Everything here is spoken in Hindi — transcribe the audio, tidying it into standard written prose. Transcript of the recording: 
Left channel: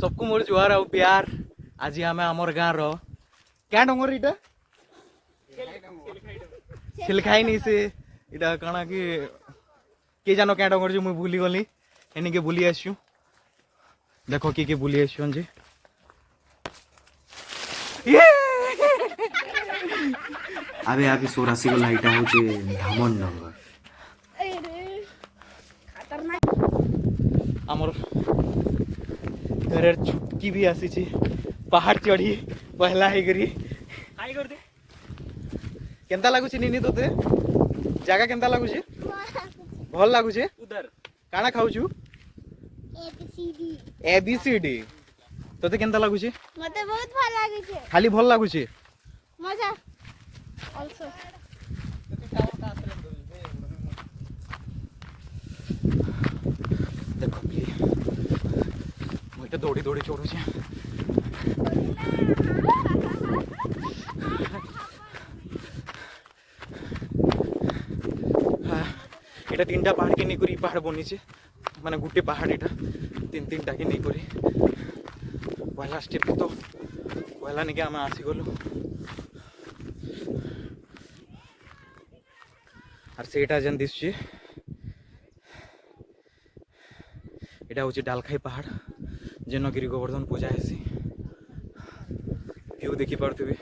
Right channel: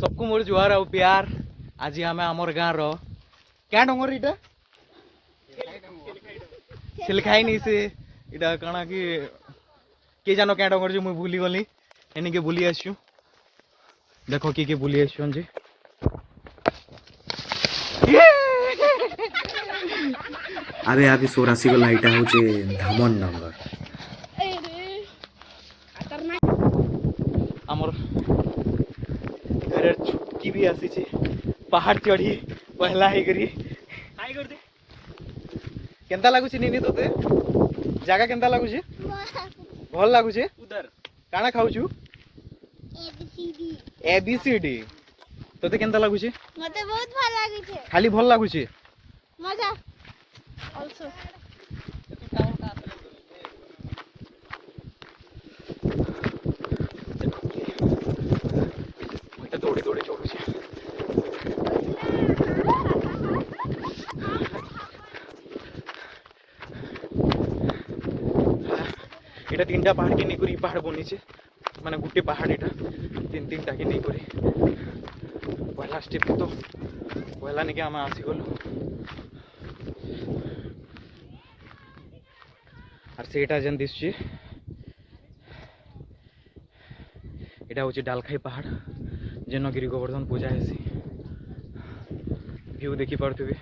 सबको मोर जुहार आउ प्यार। आज आम आमर गाँ रो क्या डंगर इटा सिलखाई नहीं से इटा कणा कि जानो क्या डंगर जो मुई भूली गली एनिके बुली आसु। देखो किए बुली आसन जे आबे आबे सोरासी गला इटा होचे धामन नंबर आमर घर छुटकी भी आसी छे पहाड़ चढ़ी पहला है करी केंता लागु छी नीनी तोते जागा केंता लागु छी भल लागु छी उधर काना खाउ छु एबीसीडी तोते केंता लागु छी मते बहुत भल लागै छै खाली भल लागु छी मजा आल्सो मुझे दौड़ी दौड़ी चढ़ू छी এটা তিনটা পাহাড় কে নিয়ে পাহাড় বনিছে মানে গোটে পাহাড় এটা তিন তিনটা কে নিয়ে পয়লা স্টেপ তো পয়লা নাকি আমি আসিগলু আর সেটা যেন দিচ্ছি এটা হচ্ছে ডালখাই পাহাড় যেন গিরি গোবর্ধন পূজা হেসি ভিউ দেখি পারুথিবে।